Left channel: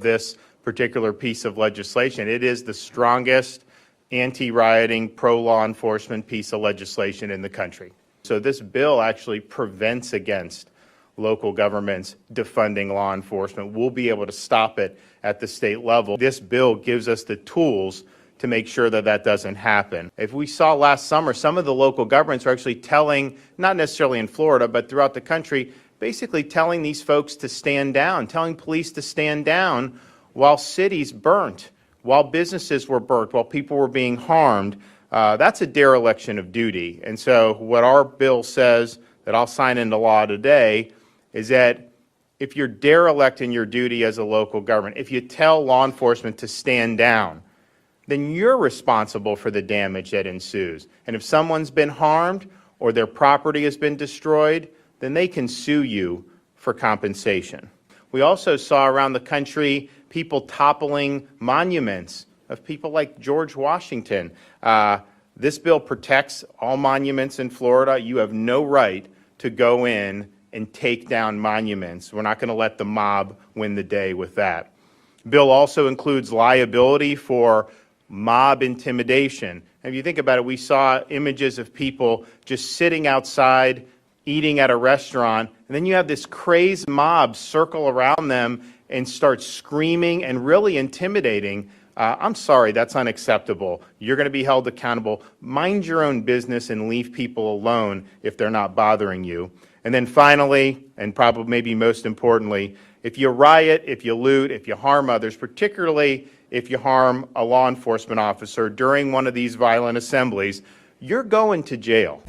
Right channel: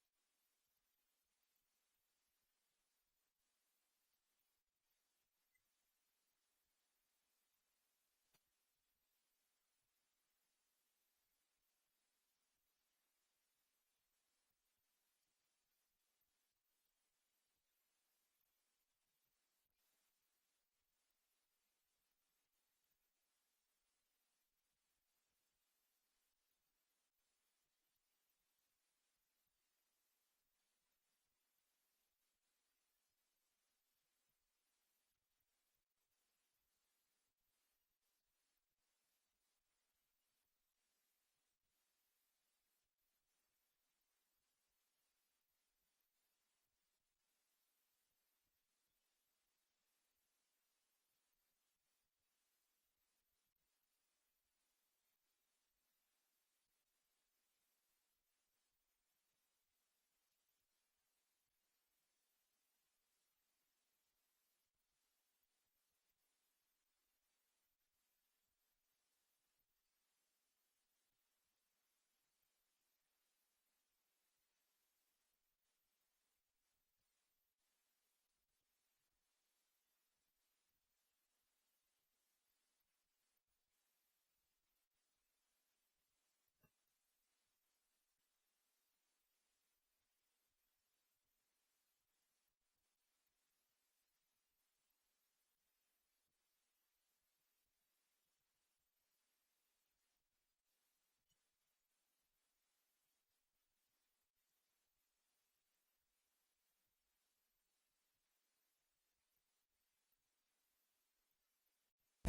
of this particular piece of legislation. It is the strongest anti-rioting, pro-law enforcement piece of legislation in the country. So this bill actually prevents against local governments defunding law enforcement. We'll be able to stop it at the state level. This bill gives us the tools to make sure that that doesn't happen. If we saw last summer, some of the local governments are actually telling, not necessarily in Florida, but throughout the country, basically telling these folks to stand down, telling police to stand down while cities burnt, while businesses were burnt, while people were being harmed. That's a dereliction of duty. And so what our bill says that I'll sign into law today is that if you're derelict in your duty as a local government, if you tell law enforcement to stand down, then you're responsible for the damage that ensues. And if someone's been harmed or their property has been destroyed, then they can sue you for compensation. We also saw around the country people toppling monuments of people like George Washington. This bill protects all monuments in Florida. You have no right to go in and take down monuments. We're not going to let the mob win the day with that. Bill also includes liability for mob intimidation. And if you think about it, we saw images of people just sitting outside, eating at a restaurant, and then you have this crazed mob circle around them and start screaming and really intimidating. I'm sorry, that's unacceptable. You're going to be held accountable. Mind your own business and leave people alone if they're not bothering you. And then finally, and probably maybe most importantly, if you riot, if you loot, if you harm others, particularly if you harm a law enforcement officer during one of these violent assemblies, you're going to jail.